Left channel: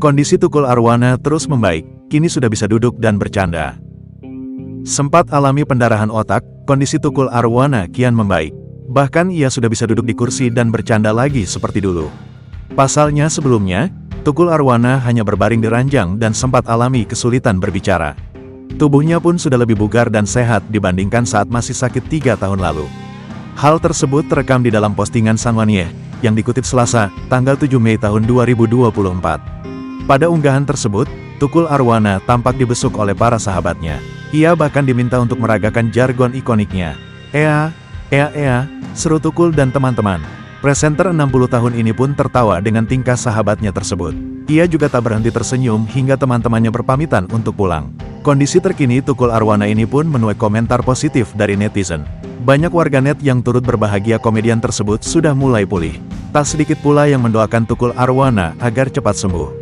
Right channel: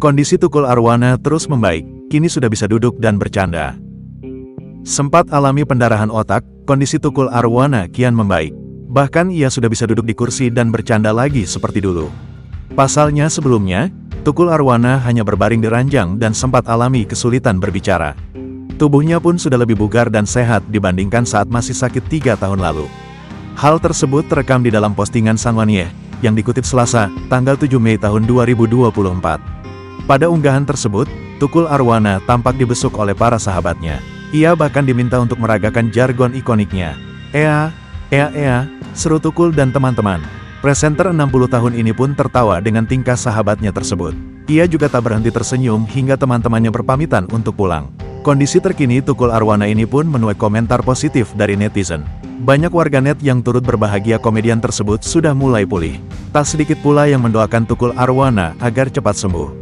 Kondisi Tukul Arwana terus membaik, kini sudah bisa duduk dan bercanda. Sempat alami pendarahan otak, kondisi Tukul Arwana kian membaik. Bahkan ia sudah bisa duduk di kursi dan bercanda lagi seperti dulu. Pasalnya sebelumnya, Tukul Arwana hanya berbaring di ranjang dan sempat alami kesulitan berbicara. Tubuhnya pun sudah lebih bugar dan sehat dibandingkan saat masih sakit 3 tahun lalu. Hal tersebut terekam di dalam postingan Sanwanieh, yang dikutip Selasa, tanggal 7 Mei tahun 2024. Pada unggahan tersebut, Tukul Arwana tampak dibesuk oleh para sahabatnya. Ia bahkan diminta untuk meragakan jargon ikoniknya. Ea, seru Tukul dan teman-teman. Presenter 60 tahun ini pun tertawa dengan tingkah sahabatnya tersebut. Ia juga tak berhenti tersenyum hingga teman-temannya berpamitan untuk pulang. Kondisi terkini Tukul Arwana ini pun menuai komentar positif dari netizen. Banyak warganet yang turut berbahagia komedian tersebut sudah mulai pulih. Tak sedikit pula yang mendoakan Tukul Arwana agar cepat sembuh.